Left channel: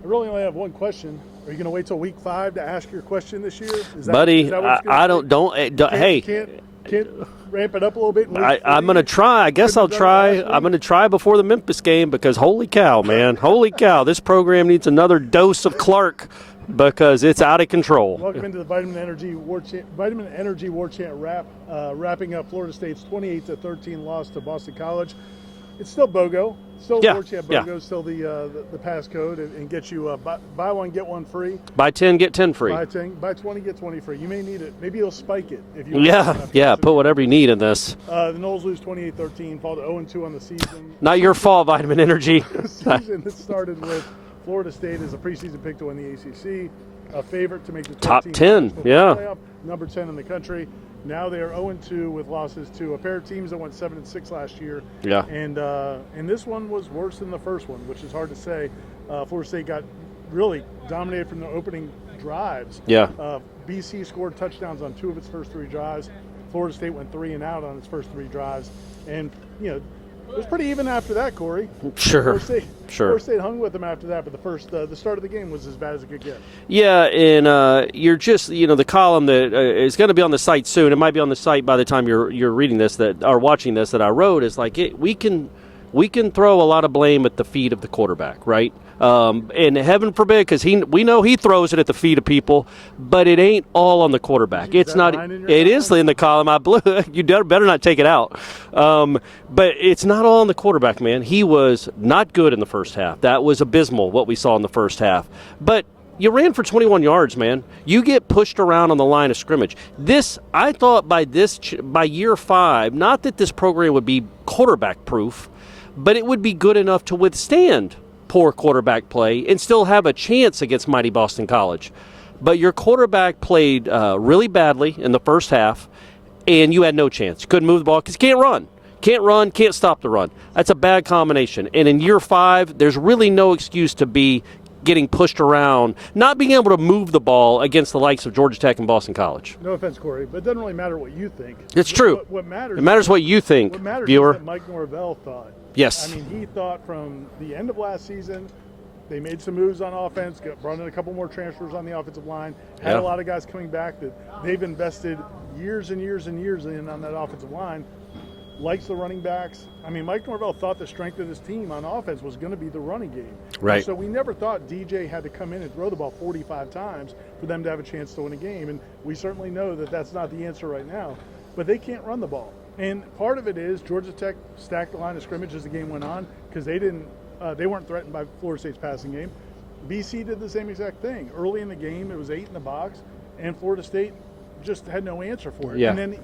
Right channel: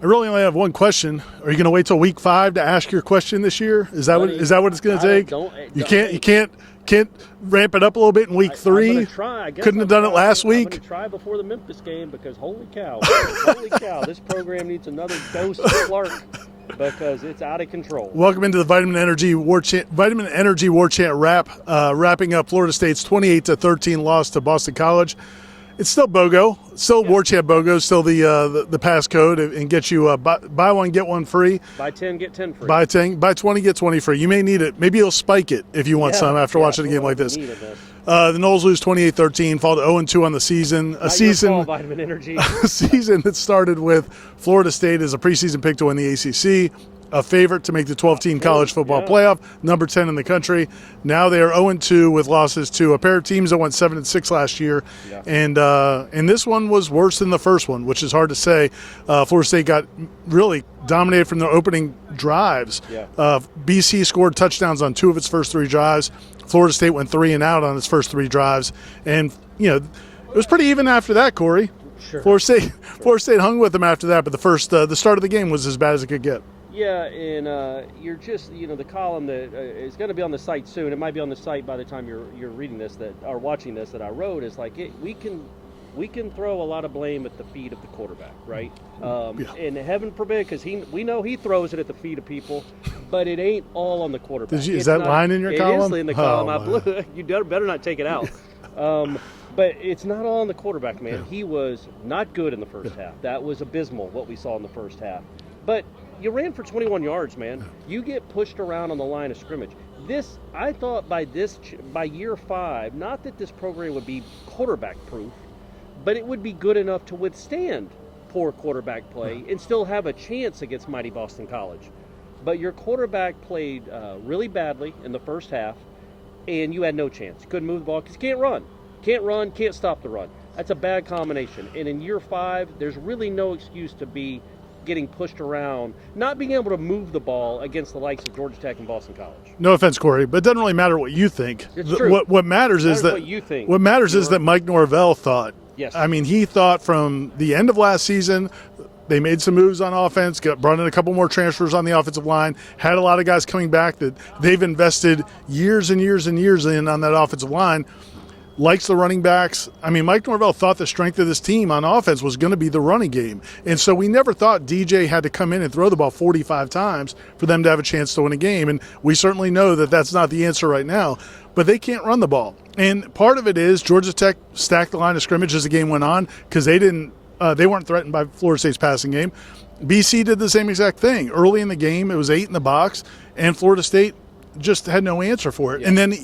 I really only have one question. Are you going to wait till week 5 to ask your question this year? Is that Buddy, what it's going to take? You can't ramp it up a little bit in week 3? I'm going to try. I guess I'll try. Last week? I'm going to try before the Memphis game because holy cow, man. Holy cow. This program needs another dose of Clark because it's out of control. Welcome into the Vitamin Energy Warchant wrapping up Florida State's 28-13 loss to Boston College. It's still BOGO, Warchant BOGO, still the passcode, and get you buy one, get one free. Buy 10, get 10 free. Buy 20, get 20 free. You may need it. Maybe you'll spike it if you want some after watching a game put whatever like you need in this. The Noles lose 28-13, fall to 0-2 on the season. Your fault, Vitamin Energy. A season that started with Florida State as a preseason pick to win the ACC, a favorite to make the 12-team college football playoff, number 10 in the country. Now they are 0-2 with losses to a pair of teams that went 7-6 last year. Yeah. And this one was worse than the first one, which is hard to say. Florida State got really dominated from their opening drives. Yeah. BC scored touchdowns on 2 of its first 3 drives. Florida State went 3 and out on its first 3 drives. And, it was pretty even after that, Corey. Sure. Florida State hung with them after that, but the start of the game was as bad as it could get. Yeah, and you're just, the column that is going to be on the site soon. It might be on the site by the time you're reading this or watching this that I wrote is like we can throw a lot of blame at the feet of the quarterback, right? And heaven forbid, because we know he throws it at the feet of people, but it ain't all on the quarterback. Is that line in your column? It is in the column. I blew. You better not take it out. But it's not all on the quarterback, man. He was not good in the first half. That was abysmal, what we saw in the first half. But you ran for 21 yards, man. You get pushed around on the line of scrimmage. I thought by year 5, not that this program would be quarterback-proof, but it would be good enough to withstand poor quarterback play and still have a chance against mighty Boston College. But your quarterback played really badly in the first half, and you had no chance. You couldn't move the ball because you can't run. Can't stop the run. That's a bad combination. And in year 5, there's really no excuse to be getting pushed around, not being able to move the ball against the likes of Georgia Tech and Boston College. No offense, Corey, but it doesn't really matter what you think. It's true. What matters is what you think. What matters is that Mike Norvell thought. Yes. I mean, he thought from the end of last season, they made some moves on offense, brought in a couple more transfers on the offensive line, had a lot of guys coming back that they've invested years and years and years in on that offensive line. Likes the running backs. I mean, Mike Norvell thought the strength of this team on offense was going to be the running game. Right. And so we never thought DJ had to come in and throw the ball 45 times for them to have a chance to win a game. And we certainly know that that's not the answer right now. But they can't run the ball. And part of it is Georgia Tech stacked the line of scrimmage as the game went on because they weren't threatened by Florida State's passing game. BC did the same exact thing. Early in the game, it was 8 in the box, and Florida State just had no answer for it. Yeah. And then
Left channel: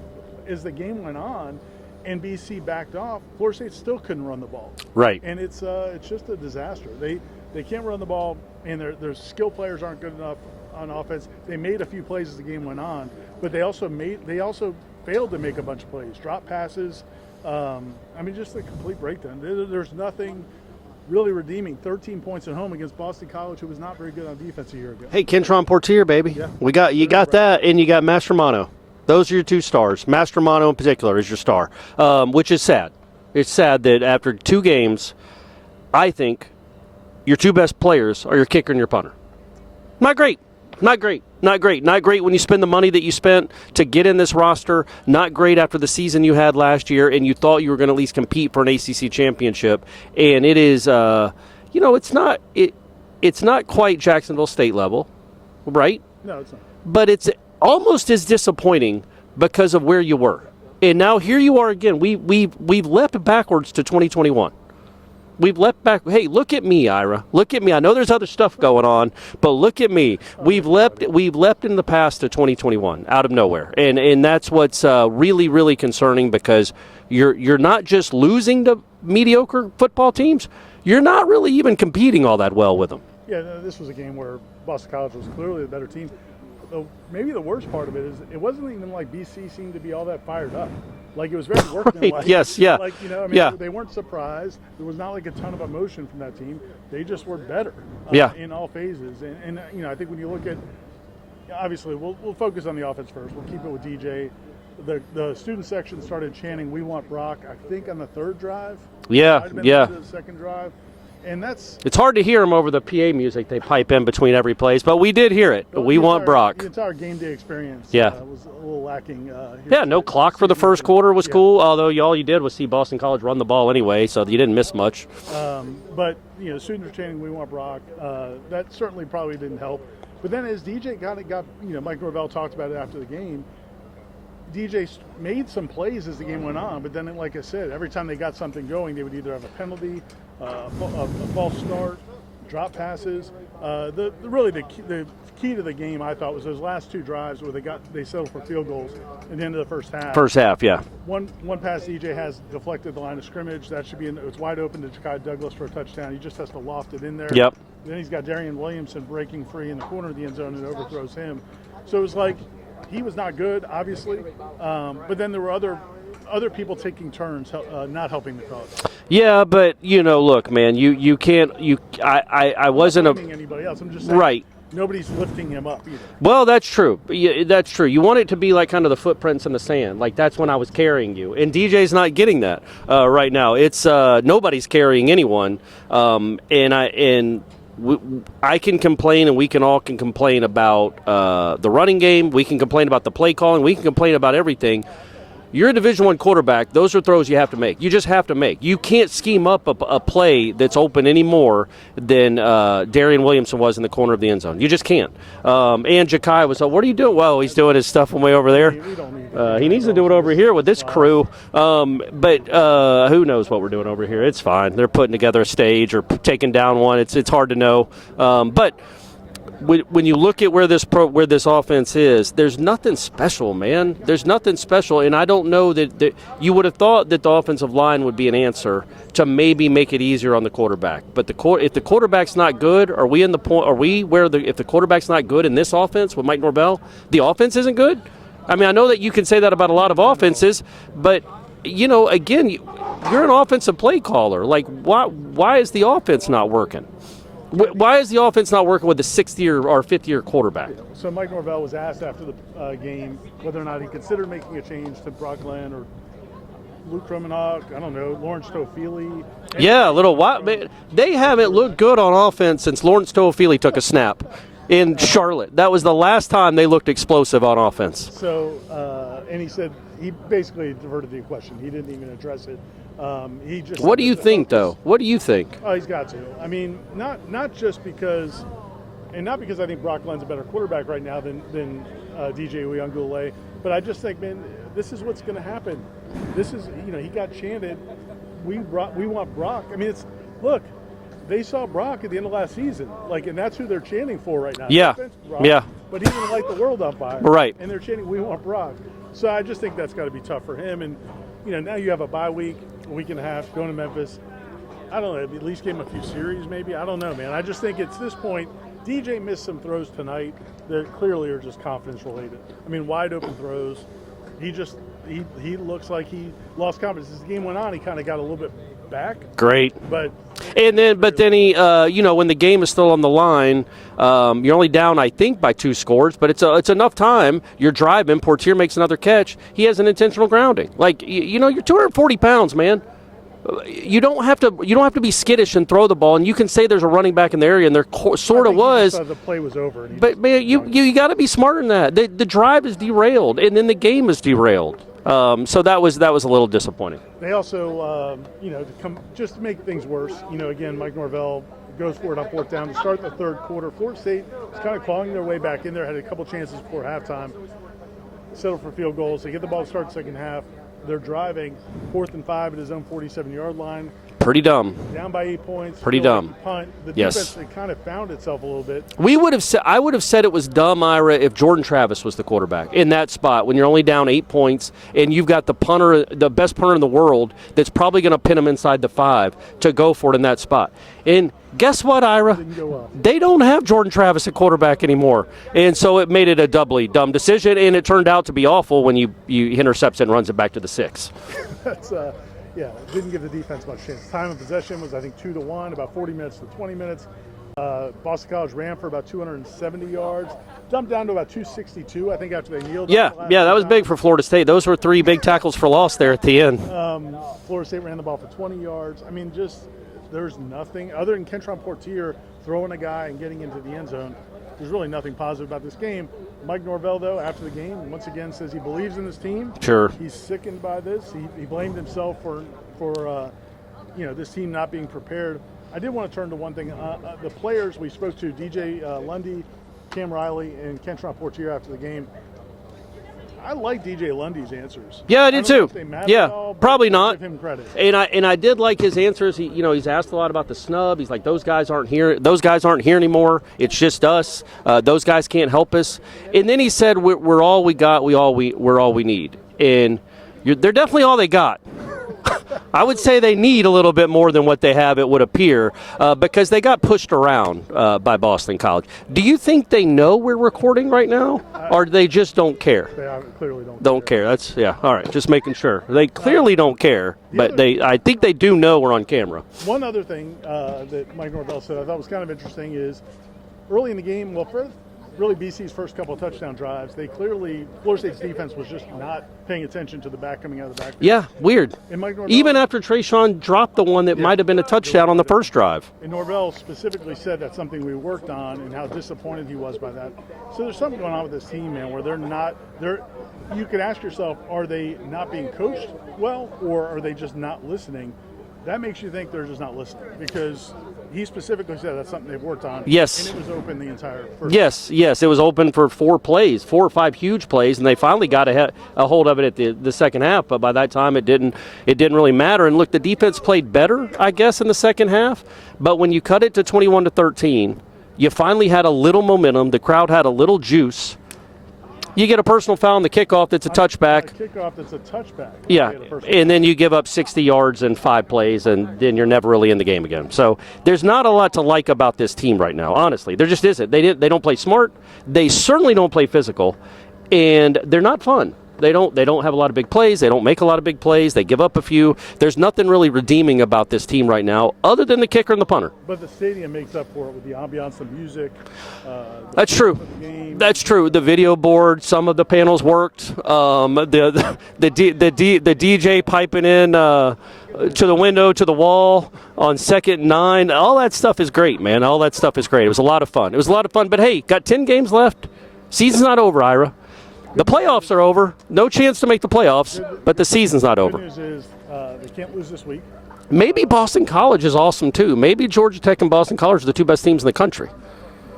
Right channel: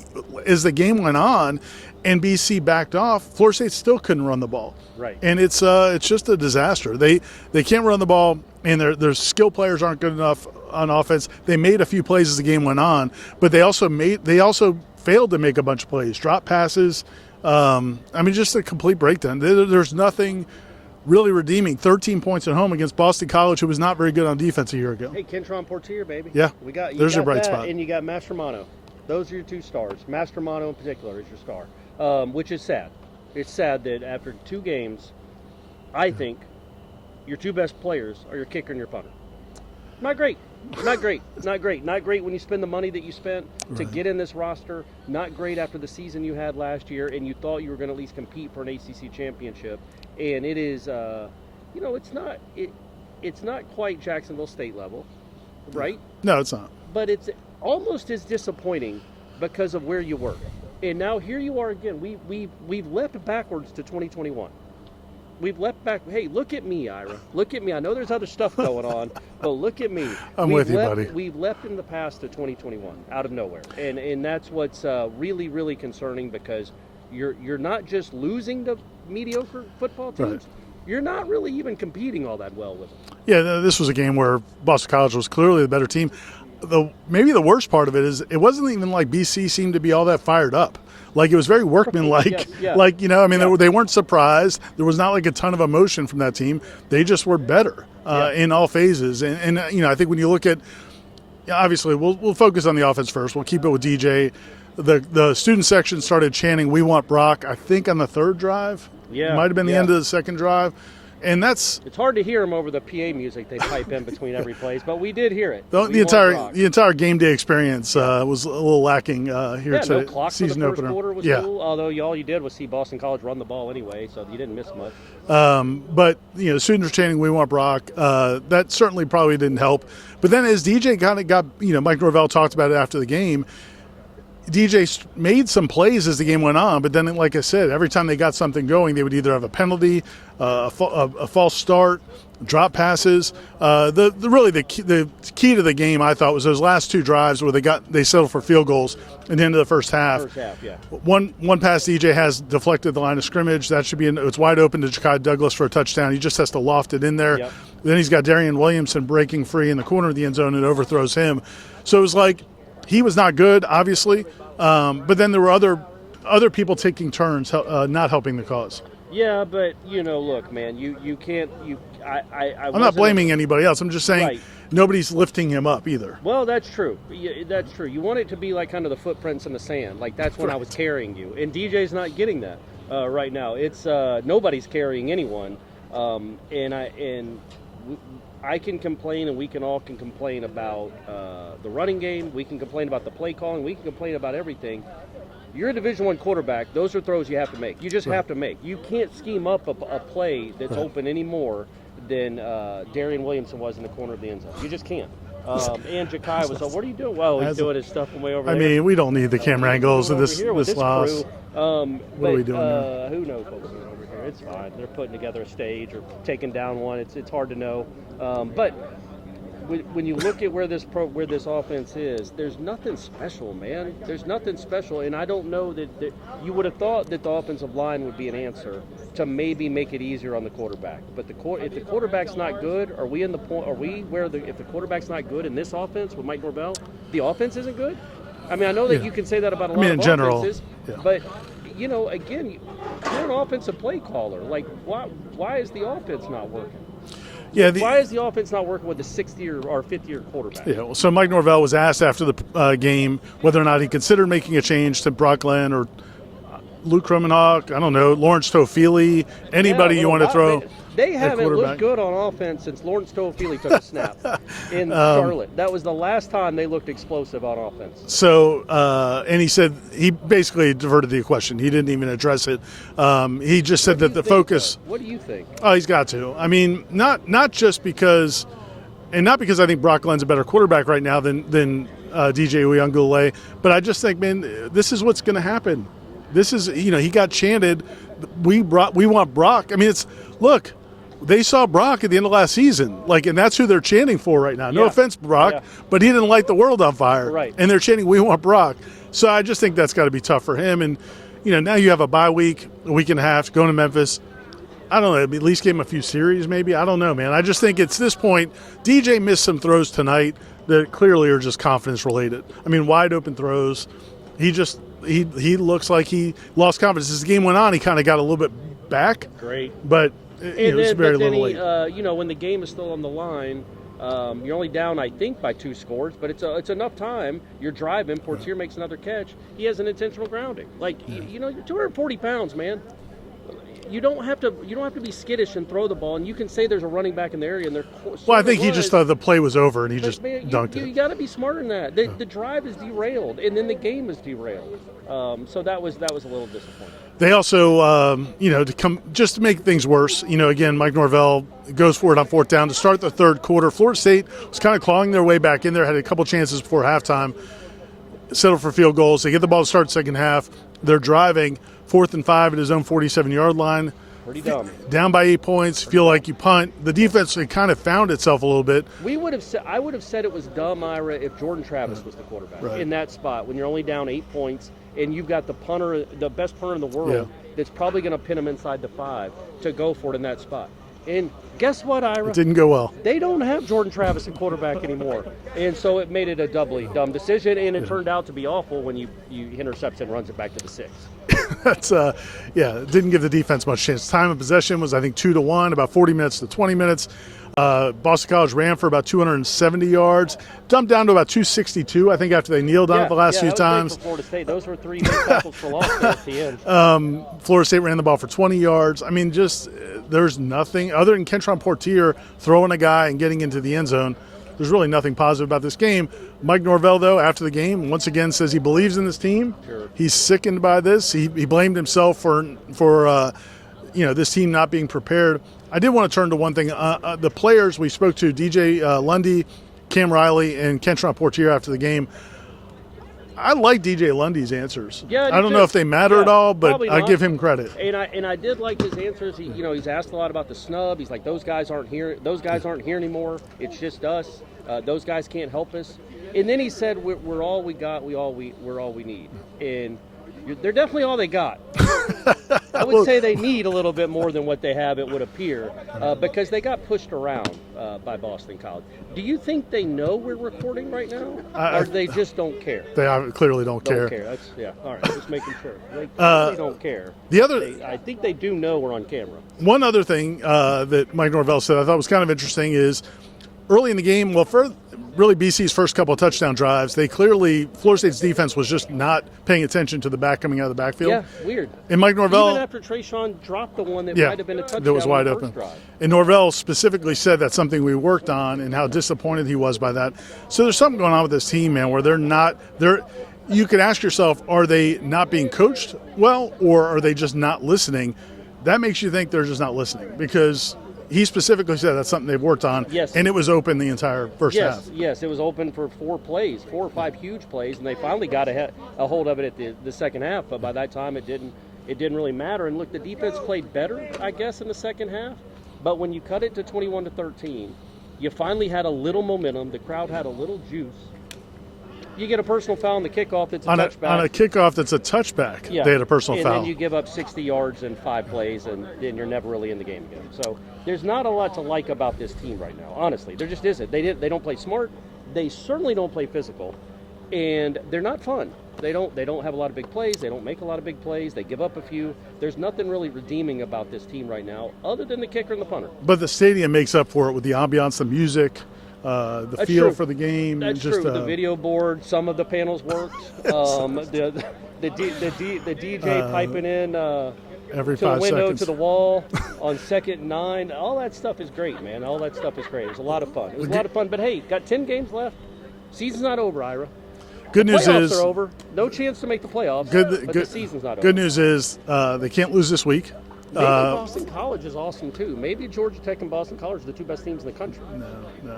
as the game went on, and BC backed off, Florida State still couldn't run the ball. Right. And it's just a disaster. They can't run the ball, and their skill players aren't good enough on offense. They made a few plays as the game went on, but they also failed to make a bunch of plays, drop passes. Just a complete breakdown. There's nothing really redeeming. 13 points at home against Boston College, who was not very good on defense a year ago. Hey, Kentron Portier, baby. Yeah. You got that, spot. And you got Mastromanno. Those are your 2 stars. Mastromanno in particular is your star, which is sad. It's sad that after 2 games, I think your 2 best players are your kicker and your punter. Not great. Not great when you spend the money that you spent to get in this roster. Not great after the season you had last year and you thought you were going to at least compete for an ACC championship. And it is, it's not quite Jacksonville State level, right? No, it's not. But it's almost as disappointing because of where you were. And now here you are again. We've leapt backwards to 2021. We've leapt back. Hey, look at me, Ira. Look at me. I know there's other stuff going on, but look at me. We've leapt in the past to 2021 out of nowhere. And that's what's really, really concerning because you're not just losing to mediocre football teams. Right. You're not really even competing all that well with them. Yeah, this was a game where Boston College was clearly the better team. Maybe the worst part of it is it wasn't even like BC seemed to be all that fired up. Like, it was very workmanlike. Yes, yeah. Like, they weren't surprised. There was not like a ton of emotion from that team. They just were better in all phases. And I think when you look at, obviously, we'll focus on the offense first. We'll keep it with DJ. The student section started chanting, "We want Brock," I think on the 3rd drive. Yeah. It might have been the end of the 2nd drive. And that's it's hard to hear them over the PA music they pipe in between every place, but we did hear it. We want Brock. The entire game day experience was a little lacking here. Yeah, no clock for the first quarter was cool, although all you did was see Boston College run the ball anyway, so you didn't miss much. But, students are chanting, we want Brock. That certainly probably didn't help. But then as DJ kind of got, Mike Norvell talked about it after the game, DJ made some plays as the game went on, but then, like I said, every time they got something going, they would either have a penalty, a false start, drop passes. The key to the game, I thought, was those last two drives where they settled for field goals at the end of the first half. First half, yeah. One pass DJ has deflected the line of scrimmage. That should be it's wide open to Ja'Kai Douglas for a touchdown. He just has to loft it in there. Yep. Then he's got Darian Williamson breaking free in the corner of the end zone and overthrows him. So it was like he was not good, obviously, but then there were other people taking turns, not helping the cause. Yeah, but look, man, you can't. I I'm wasn't not blaming anybody else. I'm just saying, right. Nobody's lifting him up either. Well, that's true. Yeah, that's true. You want it to be like kind of the footprints in the sand. Like that's when I was carrying you, and DJ's not getting that right now. It's nobody's carrying anyone, I can complain, and we can all complain about the running game. We can complain about the play calling. We can complain about everything. You're a Division I quarterback. Those are throws you have to make. You just have to make. You can't scheme up a play that's open any more than Darian Williamson was in the corner of the end zone. You just can't. And Ja'Kai was, what are you doing? Well, he's doing his stuff from way over there. I mean, we don't need the camera he needs angles. to do it over here with this crew. But who knows what we're doing over here? It's fine. They're putting together a stage or taking down one. It's hard to know. But when you look at where this offense is, there's nothing special, man. There's nothing special, and I don't know that you would have thought that the offensive line would be an answer to maybe make it easier on the quarterback. But if the quarterback's not good, if the quarterback's not good in this offense with Mike Norvell, the offense isn't good? I mean, I know that you can say that about a lot of offenses, but again, you're an offensive play caller. Like, why is the offense not working? Yeah, why is the offense not working with the sixth-year or fifth-year quarterback? Yeah, so Mike Norvell was asked after the game whether or not he considered making a change to Brock Glenn or Luke Kromenhoek, I don't know, Lawrence Toafili, anybody you want to throw. They haven't looked good on offense since Lawrence Toafili took a snap in Charlotte. That was the last time they looked explosive on offense. So, and he said he basically diverted the question. He didn't even address it. He just said that the focus. What do you think? Oh, he's got to. I mean, not just because, and not because I think Brock Glenn's a better quarterback right now than DJ Uyunglele, but I just think, man, this is what's going to happen. This is, he got chanted, we want Brock. I mean, look, they saw Brock at the end of last season, and that's who they're chanting for right now. Yeah. No offense, Brock, but he didn't light the world on fire. Right. And they're chanting, we want Brock. So I just think that's got to be tough for him. And, now you have a bye week, a week and a half, going to Memphis. I don't know, at least give him a few series maybe. I don't know, man. I just think it's this point, DJ missed some throws tonight that clearly are just confidence related. I mean, wide open throws. He looks like he lost confidence. As the game went on, he kind of got a little bit back. Great. But then he, when the game is still on the line, you're only down, I think, by 2 scores, but it's enough time. You're driving. Portier makes another catch. He has an intentional grounding. You're 240 pounds, man. You don't have to be skittish and throw the ball, and you can say there's a running back in the area, and there sort of was. I think he just thought the play was over, and he just. But man, you got to be smarter than that. The drive is derailed, and then the game is derailed. So that was a little disappointing. They also, to make things worse, again, Mike Norvell goes for it on 4th down to start the third quarter. Florida State was kind of clawing their way back in there, had a couple chances before halftime, settled for field goals. They get the ball to start second half. They're driving 4th and 5 at his own 47-yard line. Pretty dumb. Down by 8 points. Pretty feel dumb. like you punt. The defense kind of found itself a little bit. I would have said it was dumb, Ira, if Jordan Travis was the quarterback in that spot when you're only down 8 points and you've got the best punter in the world that's probably going to pin him inside the 5 to go for it in that spot. And guess what, Ira? It didn't go well. They don't have Jordan Travis at quarterback anymore. And so it made it a doubly dumb decision, and it turned out to be awful when you intercepts it and runs it back to the 6. That's it didn't give the defense much chance. Time of possession was, I think, 2-1, about 40 minutes to 20 minutes. Boston College ran for about 270 yards, dumped down to about 262, I think, after they kneeled on it the last few times. Yeah, that was big for Florida State. Those were 3 big tackles for loss there at the end. Florida State ran the ball for 20 yards. I mean, just there's nothing other than Kentron Portier throwing a guy and getting into the end zone. There's really nothing positive about this game. Mike Norvell, though, after the game, once again says he believes in this team. Sure. He's sickened by this. He blamed himself for this team not being prepared. I did want to turn to one thing. The players we spoke to, DJ Lundy, Cam Riley, and Kentron Portier after the game. I like DJ Lundy's answers. Yeah, I do don't too. know if they matter at all, but probably not. I give him credit. And I did like his answers. He's asked a lot about the snub. He's like, those guys aren't here. Those guys aren't here anymore. It's just us. Those guys can't help us. And then he said, we're all we got. We're all we need. And they're definitely all they got. I would say they need a little bit more than what they have, it would appear, because they got pushed around by Boston College. Do you think they know we're recording right now, or they just don't care? They clearly don't care. That's, all right, just making sure. They clearly don't care, I think they do know we're on camera. One other thing that Mike Norvell said I thought was kind of interesting is early in the game, really BC's first couple of touchdown drives, Florida State's defense was just not paying attention to the back coming out of the backfield. Yeah, weird. And Mike Norvell, even after Trayshawn dropped the one that might have been a touchdown on the first drive. And Norvell specifically said that's something we worked on and how disappointed he was by that. So there's something going on with this team, man, where you could ask yourself, are they not being coached well, or are they just not listening? That makes you think they're just not listening, because he specifically said that's something they've worked on. Yes. And it was open the entire first half. Yes, it was open for 4 or 5 huge plays, and they finally got a hold of it at the second half, but by that time it didn't really matter. And look, the defense played better, I guess, in the second half, but when you cut it to 21-13, you finally had a little momentum, the crowd had a little juice. You get a personal foul on the kickoff that's a touchback. On a kickoff that's a touchback, yeah. They had a personal foul. And then you give up 60 yards in 5 plays, and then you're never really in the game again. So there's not a lot to like about this team right now, honestly. There just isn't. They don't play smart. They certainly don't play physical. And they're not fun. They don't have a lot of big plays. They don't make a lot of big plays. They give up a few. There's nothing really redeeming about this team right now other than the kicker and the punter. But the stadium makes up for it with the ambiance, the music, That's feel true. for the game. That's true. The video board, some of the panels worked. The DJ piping in to the window, to the wall on 2nd and 9. All that stuff is great, man. All that stuff is great. It was a lot of fun. But hey, got 10 games left. Season's not over, Ira. The playoffs are over. No chance to make the playoffs, but the season's not over. Good news is they can't lose this week. Maybe Boston College is awesome, too. Maybe Georgia Tech and Boston College are the 2 best teams in the country.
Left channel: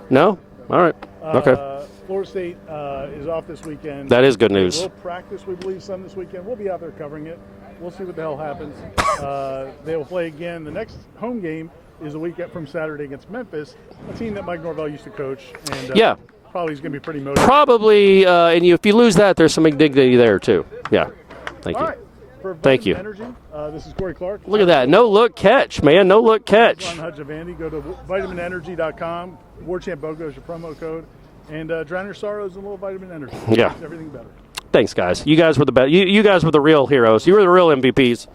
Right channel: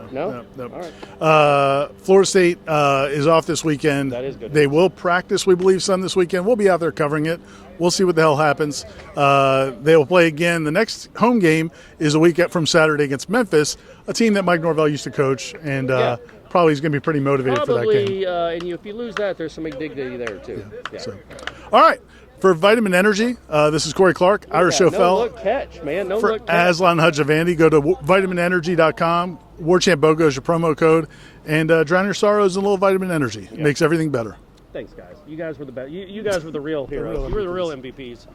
No? All right. Okay. Florida State is off this weekend. That is good news. They will practice, we believe, some this weekend. We'll be out there covering it. We'll see what the hell happens. They will play again. The next home game is a week from Saturday against Memphis, a team that Mike Norvell used to coach. And probably is going to be pretty motivated. Probably, and if you lose that, there's some indignity there, too. Yeah. All right. For Vitamin Energy, this is Corey Clark. Look at that. No-look catch, man. No-look catch. Aslan Hudjavandi. Go to vitaminenergy.com. Warchant BOGO is your promo code. And drown your sorrows in a little vitamin energy. It makes everything better. Thanks, guys. You guys were the best. You guys were the real heroes. You were the real MVPs.